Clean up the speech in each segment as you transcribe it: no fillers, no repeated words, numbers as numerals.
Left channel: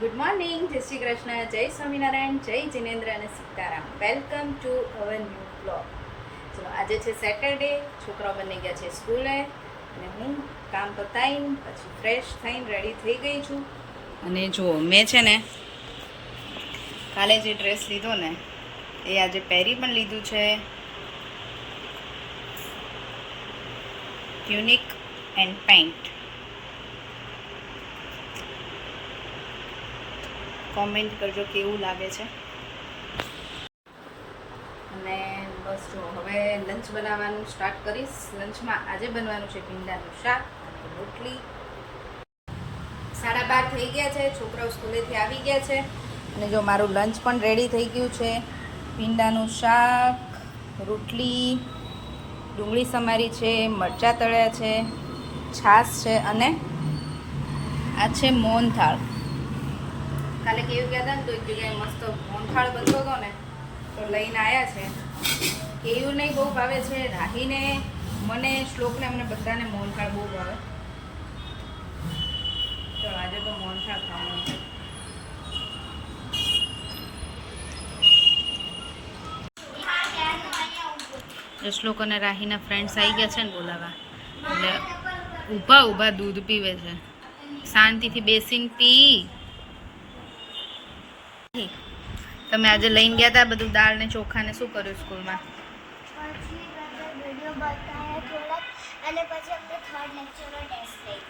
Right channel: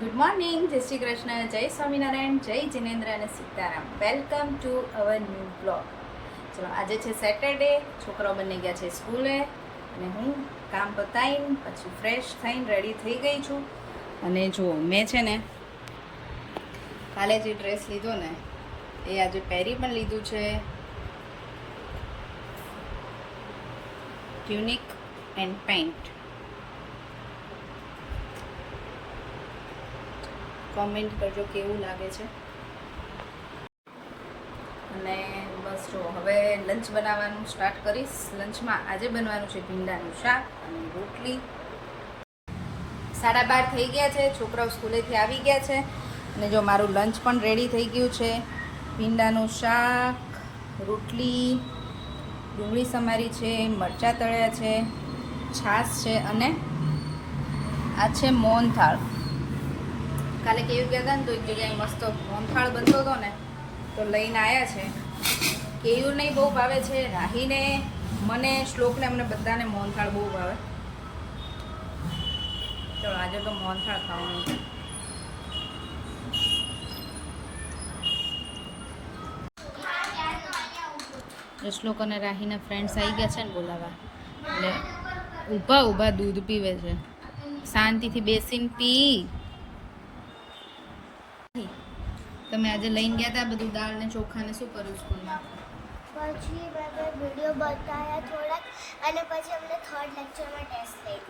Good morning, જય શ્રી કૃષ્ણ, જય સ્વામિનારાયણ, જય જિનેન્દ્ર અને Sitaram. Welcome to our new blog. ચલો, આજે છે સેટરડે, છોકરાઓ બની ગયા છે સ્કૂલે અને હું કામ પતાવીને પછી ફ્રેશ થઈને રેડી થઈ ગઈ છું. અને જુઓ, મેં છે ને કાલે જે ડ્રેસ લીધો ને એ આજે પહેરી પણ લીધું છે. Tunic and pant. કોમેન્ટ કરજો કેવું લાગે છે. અને બસ જો હવે લંચ બનાવવાનું સ્ટાર્ટ કરીશ. લંચમાં આજે બનવાનું છે ભીંડાનું શાક અને રોટલી. 12:30 થઈ ગયા છે, છોકરાઓ સ્કૂલેથી આવી ગયા છે અને જો મારું લંચ પણ રેડી થઈ ગયું છે. ભીંડાનું શાક, રોટલી, ડુંગળી સમારી છે, મરચાં તળ્યા છે, છાશ છે અને આ છે મોહનથાળ. કાલે કેવું ગયા હતા ને તો એક જગ્યાએ મસ્ત મોહનથાળ બનતો હતો ને તો લઈને આવ્યા છે. કેયુરને બહુ ભાવે છે, રાહીને, મને, શ્લોકને, અમને બધાને મોહનથાળ બહુ ભાવે. ચલો આજે તો મોહનથાળ ખાવાનું છે. શ્લોક અને રાહીના ફ્રેન્ડ્સ આવી ગયા છે ને બોલાવા, એટલે ઊભા ઊભા દૂધ પીવે છે. શાંતિથી બેસીને પી. તમે આજે લઈને ગયા હતા બધું દાળ ને ચોખા ને શું કર્યું સ્કૂલમાં? પછી વિડીયો બતાવ્યા થોડાક અને પછી અમને થર્ડ લેક્ચરમાં ટેસ્ટ થઈ.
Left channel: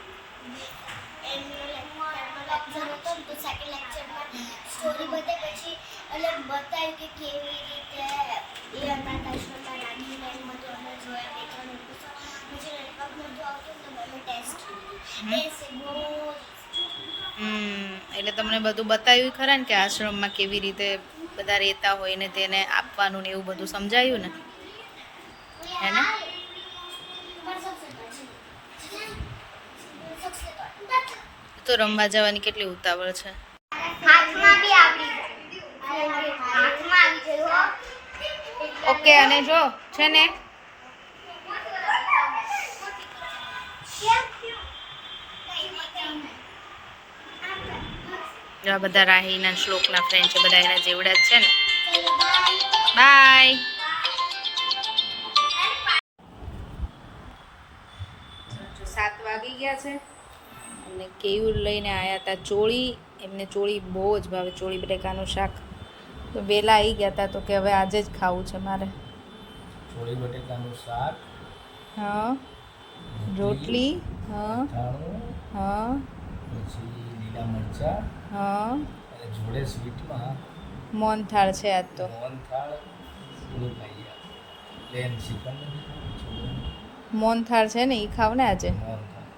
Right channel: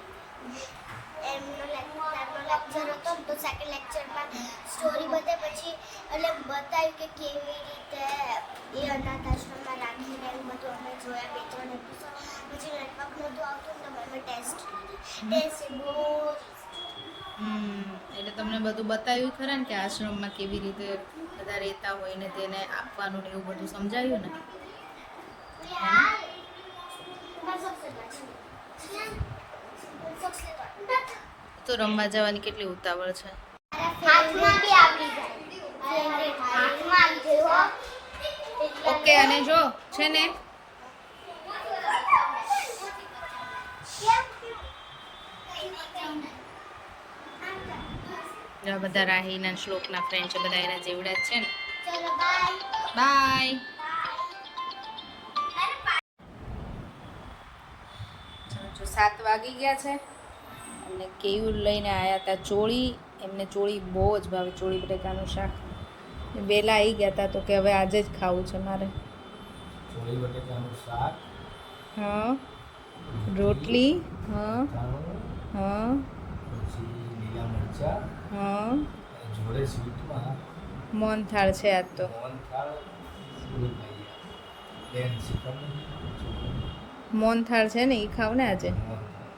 એમનો લેક્ચર હતો તો સેકન્ડ લેક્ચરમાં સ્ટોરી બતાવી પછી અને બતાવ્યું કે કેવી રીતે એ અનાથ આશ્રમમાં રાખીને એ બધું અમે જોયા 2-3 એપિસોડ. પછી નેટવર્ક બધું આવતું ને અમે ટેસ્ટ બહુ એટલે તમને બધું બતાવ્યું ખરા ને કે આશ્રમમાં કેવી રીતે બધા રહેતા હોય ને તેને આપવાનું ને એવું બધું સમજાયું ને, હે ને? તો રમવા જવાની કેટલી ઉતાવળ છે. ઓકે. અને જો છે ને આ બધા રાહીના શ્લોકના ફ્રેન્ડ છે, બધા એના જેવડા જ છે ને. બાય. 7 વાગી ગયા છે અને કેયુર લઈને આવ્યા હતા ચોળી. એમને ચોળી બહુ જ ભાવે, ચોળી બટેકાનું શાક. તો વહેલા આવી ગયા હતા તો કે હવે આજે જ ખાવું છે મારે. ચોળી બટેકાનું શાક, હા, રોટલી, હા હા, પછી લીલા મરચાં, હા, અને જોડે સ્વીટમાં મોહનથાળ છે આજ તો. મોહનથાળ પૂરું ખાઈ ગયા. પ્લેન શ્રીખંડ, મોહનથાળ છે ને એ ખાવ ને આજે. મોહનથાળ.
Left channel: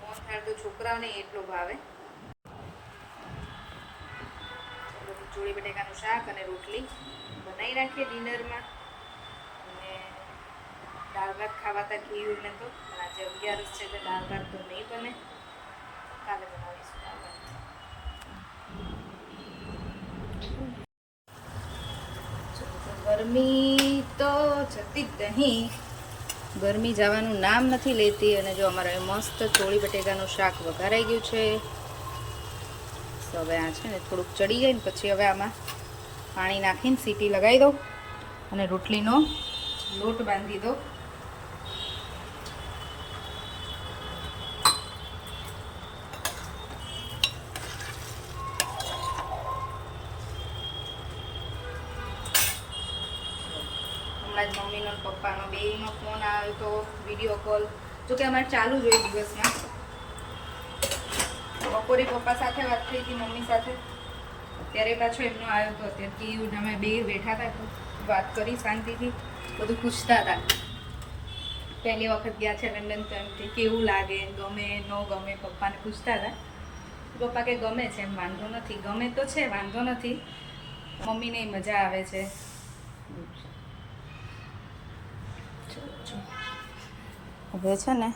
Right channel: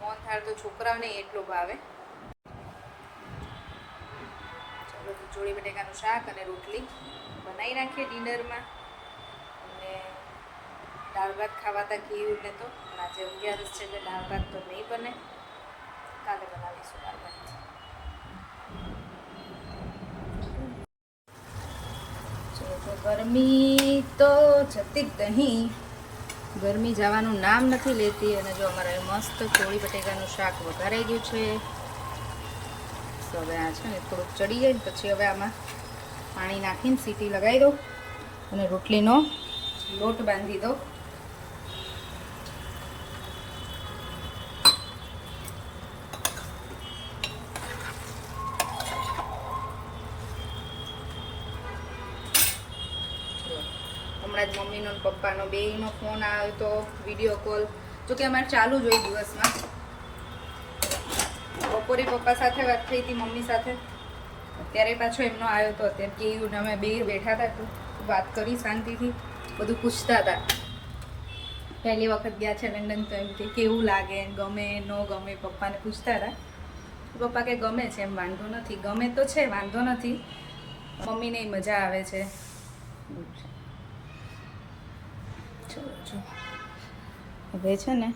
મોહનથાળ તો છોકરાઓને એટલો ભાવે. ચલો તો ચોળી બટેકાનું શાક અને રોટલી બનાવી નાખીએ ડિનરમાં. અને દાળ ભાત ખાવાતા કેયુરને તો, પણ આજે 11 છે એટલે દાળ ભાત તો નહીં બને. કાલે બનાવીશું દાળ ભાત. ગરમી તો જતી જ નહીં, ગરમી જવાનું નામ નથી લેતી. અને જો અમારા મસ્ત ચોળી બટેકાનું શાક વઘારાઈ ગયું છે. તો હવે આ છે ને થોડુંક ચડી જાય ને પછી હવે આમાં પાણી નાખીને સીટી લગાવી દઉં અને રોટલીનો લોટ બાંધી દઉં. હમણાં જ મમ્મીનો ને પપ્પાનો બેયનો ફોન આવ્યો તો, વિડીયો કોલ. જોકે અમારે ચાલુ જ હોય દિવસમાં. બપોરે પપ્પા સાથે વાત થઈ હતી, મમ્મી સાથે. અત્યારે પાછો એમનો આવ્યો હતો. અત્યારે કેવું અમે બે બેઠા હતા તો વાત કરી શાંતિથી, બધું પૂછતા હતા. પહેલી વખત ગયા છે લંડન તો એમથી કેવું લાગે, ગમે ન ગમે, પપ્પાને પૂછતા હતા. પપ્પા કે ગમે છે, એમ વાંધો નથી. ગમે તો છે, વાંધો નથી, મમ્મીને મજા આવે છે. હવે છે ને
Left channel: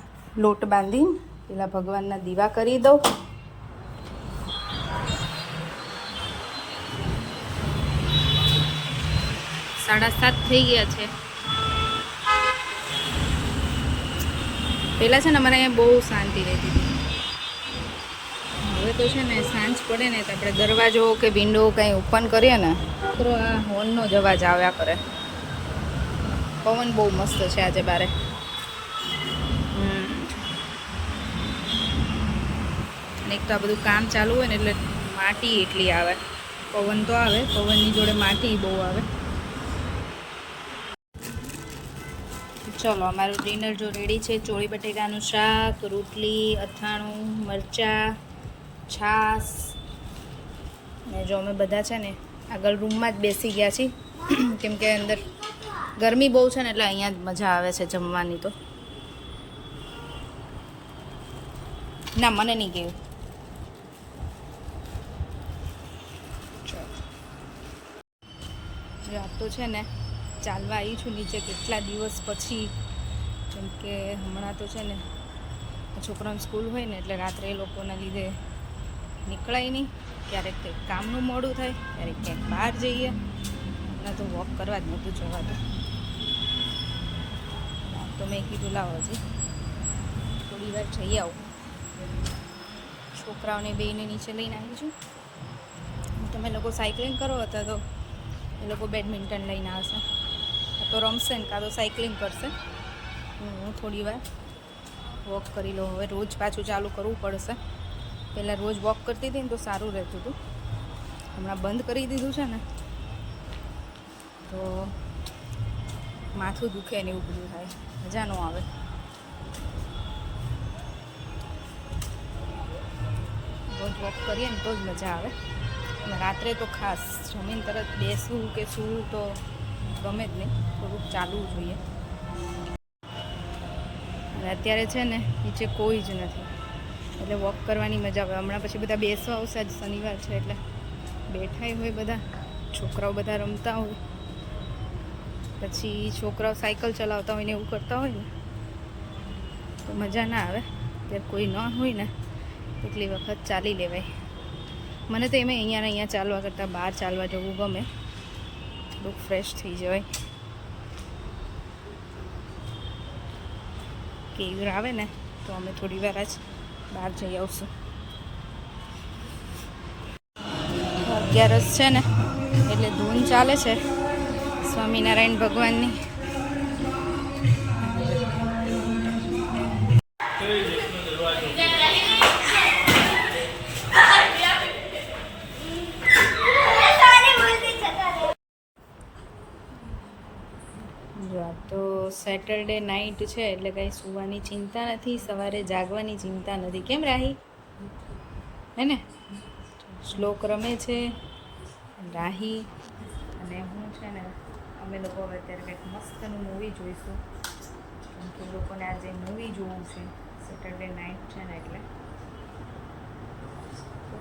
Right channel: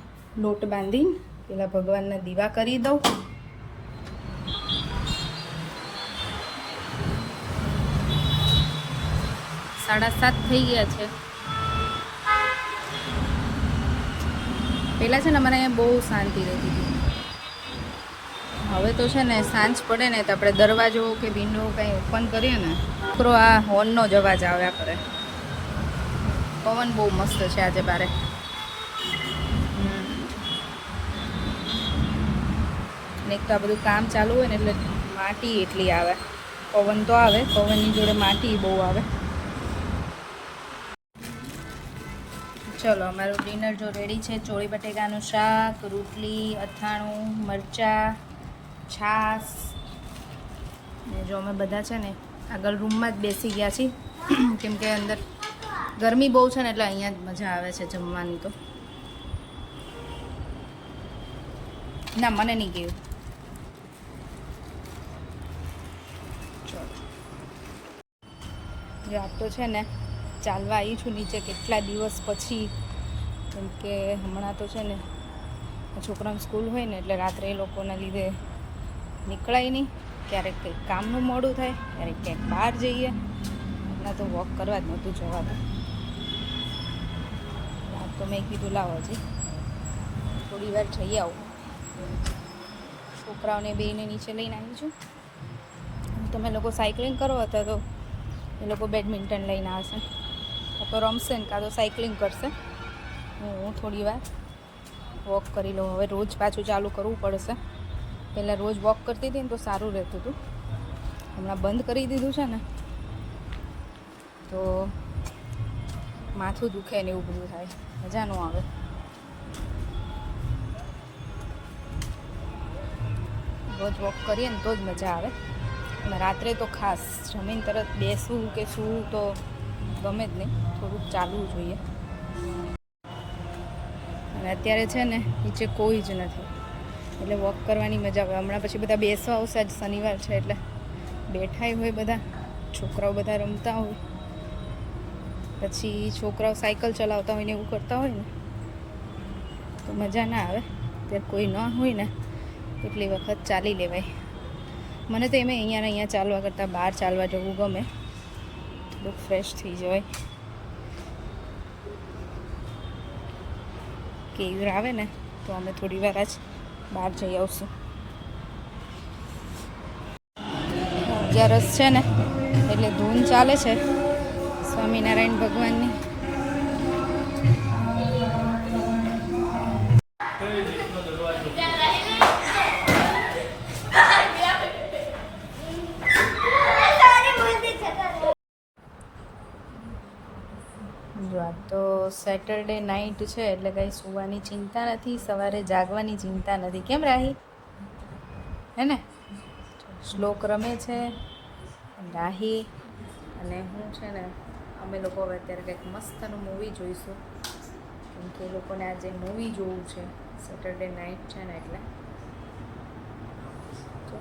લોટ બાંધીને પેલા ભગવાનના દીવા કરી દઉં. સાડા 7 થઈ ગયા છે. પહેલાં છે ને અમારે અહીંયા બહુ શાંતિ રહેતી હતી. હવે તો છે ને સાંજ પડે ને તો આપણે દરવાજો કે વિન્ડો કંઈ ઓપન કરીએ ને છોકરો આ હોર્નનો જ અવાજ આવ્યા કરે. પવન બહુ મસ્ત છે આજે બારે. અને એક તો આ બધું કામ ચાલુ હોય ને એટલે માટી એટલી આવે. પવન તો આવે, પવનની જોડે માટી બહુ આવે. ચલો અમારું ડિનર જો રેડી છે. ચોળી બટેકાનું શાક, રોટલી, અથાણું, મરચાં, છાશ. ને જો અમે બધા છે ને આગળ રૂમમાં જ બેસી ગયા છીએ કેમ કે અંદર ગરમી બહુ છે ને એટલે અહીંયા જ મજા આવે છે જમવાની. તો ના મને નહીં ગયું. ચલો જો આપ તો છે ને ચાલવા આવી છું નીચે કેટલા દિવસ પછી. કેમ કે હમણાં તો છે ને છોકરાઓની સ્કૂલ હોય ને એટલે રાત્રે એ લોકોના લીધે નીકળાય નહીં. ક્યારેક કંઈક કામનું મોડું થાય, ક્યારેક ક્યાંક બહાર જઈએ. હમણાં તો વોક કરવા જ નહોતું જવાતું. રાત તો મેં કીધું લાવો હજી થોડી વાર જઈ આવું. છોકરાઓને બેને નીચે લઈને આવી છું. તમે લોકો સાયકલિંગ કરો હતા તો એ લોકો બેડમિન્ટન લઈને આવશે. કાં તો રમશે ને કાં તો સાયકલિંગ કરશે. હું થોડી વાર વોક કરી લઉં. હવે રોજ પાછું ચાલુ કરવું પડશે. પહેલાં રોજ વોક કરતી હતી ને તો સારું રહેતું હતું. હમણાં બંધ કરી દીધું છે ને તો માથું દુખે ને એવું બધું થાય, મજા ન આવે. રોજ વોક કરીએ ને તો જ મજા આવે. રાત્રે તો ખાસ જમીન તરત બેસવું કે શું તો ગમે જ નહીં, થોડુંક ચાલવું જોઈએ. અને અત્યારે છે ને નીચે કોઈ જ નથી એટલે વોક કરવાની મજા આવે. હમણાં પછી બધા બેસવા આવશે. આજ શનિવાર છે એટલે બેઠાય હોય બધા. છોકરાઓ બધા રમતા હોય, પછી છોકરાઓ સાયકલ ચલાવતા હોય ને એવું કરતા હોય ને તો મજા ના આવે. ત્યારે કોઈ ન હોય ને એટલી વખત ચાલી લેવાય. મને તો એમ અહીંયા ચાલવા કરતાં બહાર ચાલવા જવું ગમે. થોડુંક ફ્રેશ થઈ જવાય. કેવું આવે ને તો અમે થોડી વાર જ બહાર જઈ આવશું. 11 છે ને એટલે ધૂન ચાલે છે સ્વામિનારાયણ ભગવાનની. જો આ તો સેટરડે નાઇટ છે એટલે કંઈ સૂવાની ચિંતા નથી, સવારે જાગવાની ચિંતા નથી. કેમ રાહી? હે ને? શ્લોક રમે છે રાહી અને હું છે ને અમે લોકો હવે અત્યારે કંઈક મસ્તનું મૂવી જોઈશું. કેમ કે એ લોકોને આજે મૂવી જોવું છે. સેટરડે નાઇટ છે ને એટલે તો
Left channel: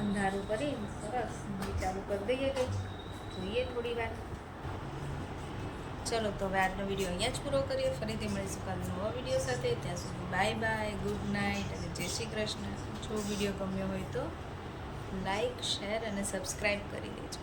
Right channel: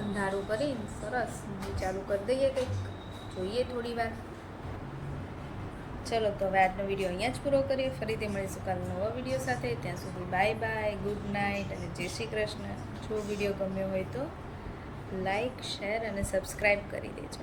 અંધારું કરી સરસ મૂવી ચાલુ કરી દઈએ. કંઈક જોઈએ થોડી વાર. ચલો તો હવે આજનો વિડીયો અહીંયા જ પૂરો કરીએ. ફરીથી મળીશું કાલે નવા વિડીયો સાથે. ત્યાં સુધી બાય બાય, ગુડ નાઇટ અને જય શ્રી કૃષ્ણ. જો વિડીયો ગમ્યો હોય તો લાઈક, શેર અને સબસ્ક્રાઈબ કરી દેજો.